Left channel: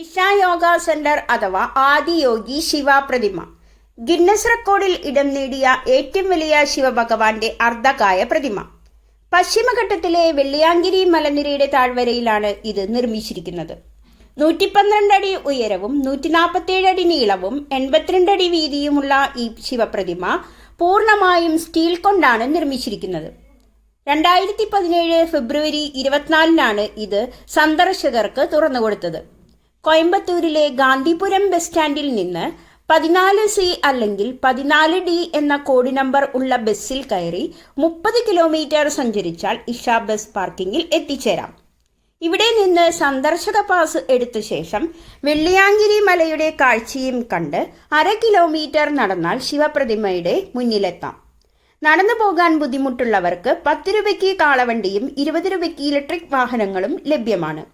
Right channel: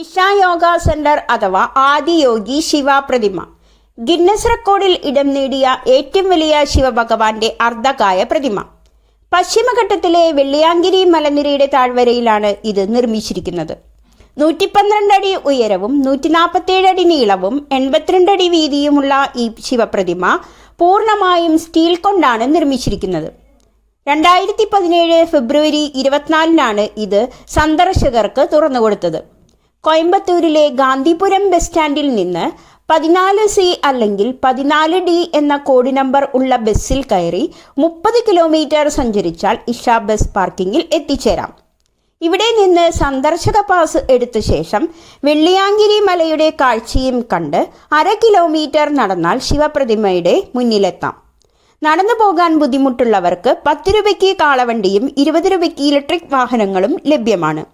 Isha yoga centre അഥവാ ആദിയോഗി ശിവ പ്രതിമ Guinness റെക്കോർഡിൽ ഇടം നേടിയ ഏറ്റവും വലിയ ശിവഭഗവാന്റെ അർദ്ധകായ പ്രതിമ. പശ്ചിമഘട്ടത്തിലെ വെള്ളിയാങ്കിരി മലനിരയുടെ താഴ്വരയിലാണ് ഇത് നിർമ്മിച്ചിരിക്കുന്നത്. 112 അടി ഉയരവും 147 അടി നീളവും 82 അടി വീതിയുമുള്ള ഈ ശിവപ്രതിമ പൂർണ്ണമായും സ്റ്റീൽ കൊണ്ടാണ് നിർമ്മിച്ചിരിക്കുന്നത്. 2017 ഫെബ്രുവരി 24 ഇത് സന്ദർശകർക്ക് തുറന്നുകൊടുത്തത്. കോയമ്പത്തൂരിലെ ഗാന്ധിപുരം ബസ് സ്റ്റാൻഡിൽ നിന്ന് 14C അല്ലെങ്കിൽ 14D എന്ന കോഡ് നമ്പർ ഉള്ള ബസ്സിൽ കയറി 30 കിലോമീറ്റർ സഞ്ചരിച്ചാൽ ഇഷ ബസ് പാർക്കിങ്ങിൽ എത്തിച്ചേരാം. ഇവിടെ നിന്ന് സന്ദർശക പാസ് എടുത്ത ശേഷം വെള്ളിയാങ്കിരി മലയുടെ കാഴ്ചയും കണ്ട് 1/2 കിലോമീറ്റർ നടന്നാൽ ശിവപ്രതിമയുടെ മുന്നിലെത്താം. നടന്നു പോകാൻ ബുദ്ധിമുട്ടുള്ളവർക്ക് 10 രൂപയ്ക്ക് കാളവണ്ടിയും 20 രൂപയ്ക്ക് ഇലക്ട്രിക് വാഹനങ്ങളും ലഭ്യമാണ്.